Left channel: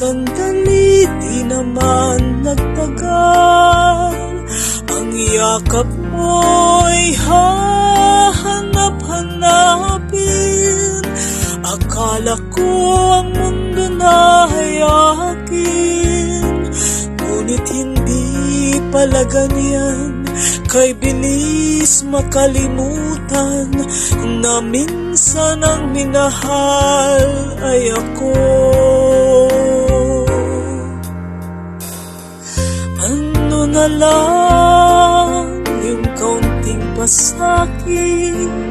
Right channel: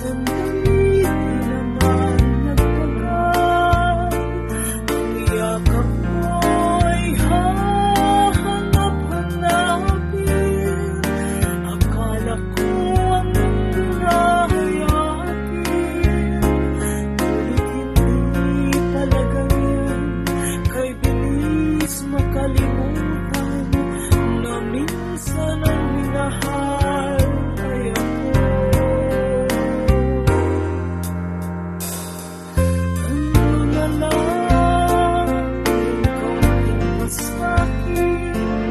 sandali di naman nagtagal. Ang yakap mo'y hahanap-hanapin. Akala ko ang mundo na hayakin, ngunit hindi pala ganyan. Kay bilis makalimutan na minsan ang minahal ay ako. Ano na lang yung kaunting pasakit,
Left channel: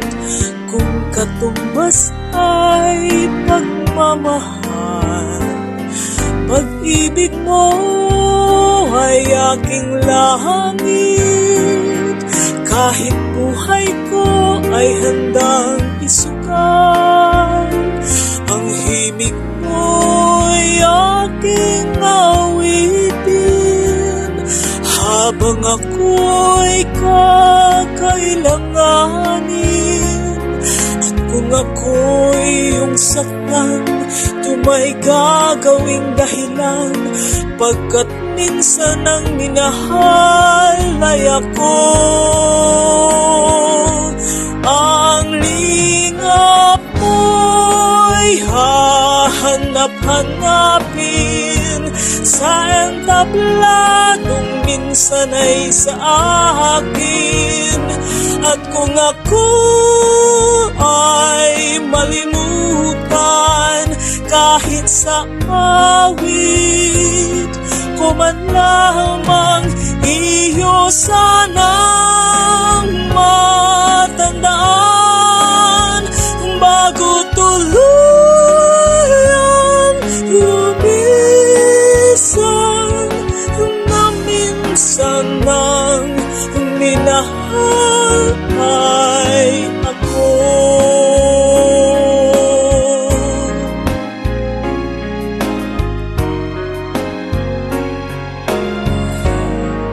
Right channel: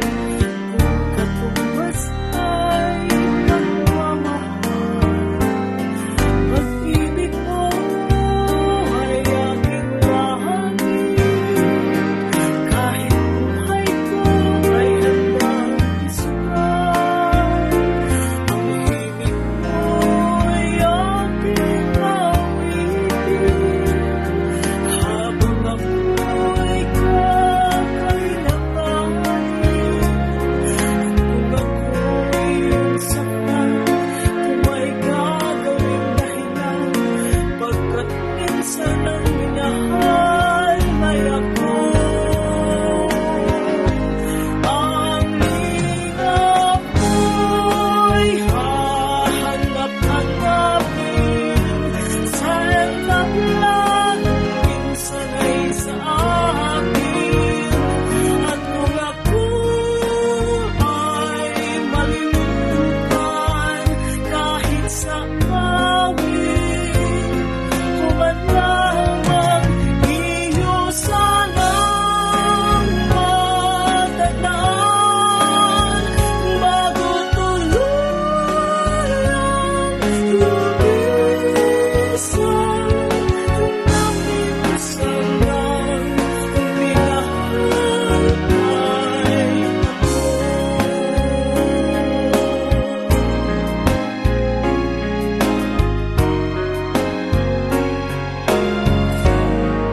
kung katumbas ay pagmamahal. Pag-ibig mo ay aking langit, kahit buhay ko ay handang isugal. Ang himig mo'y aking nawitin, habang ako'y kakailanganin. At kung ako'y iyong saktan, ito may gagawing dahilan, pagkat minsan ang minahal ay ako. Ang lingap mo'y hahanap-hanapin, sa entabladong minsan ay sa akin. At kung ako ay malimutan, kahit sa awit ko man lamang, iyo sanang matandaan, bago tuluyan lumisan na minsan ang minahal ay ako.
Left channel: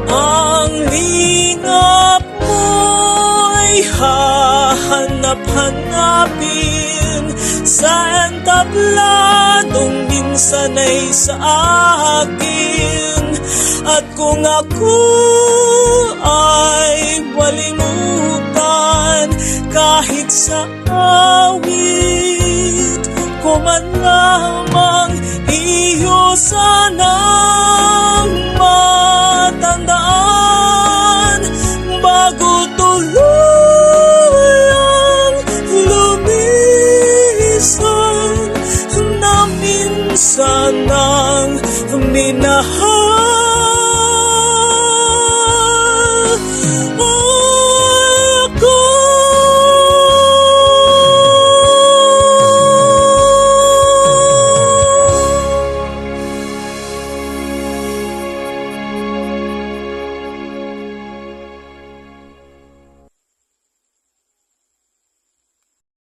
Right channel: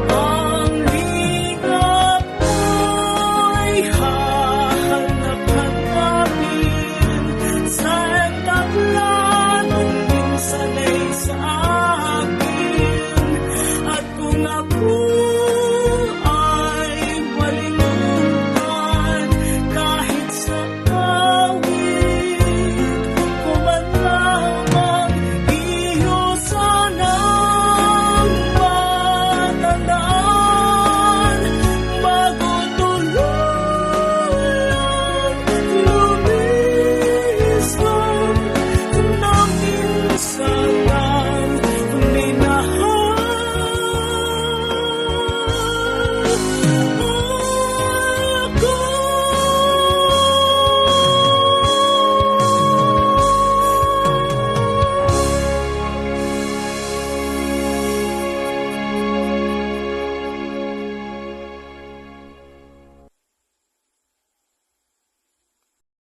Ang lingap mo'y hahanap-hanapin, sa entabladong minsan ay sa akin. At kung ako ay malimutan, kahit sa awit ko man lamang, iyo sanang matandaan, bago tuluyan lumisan na minsan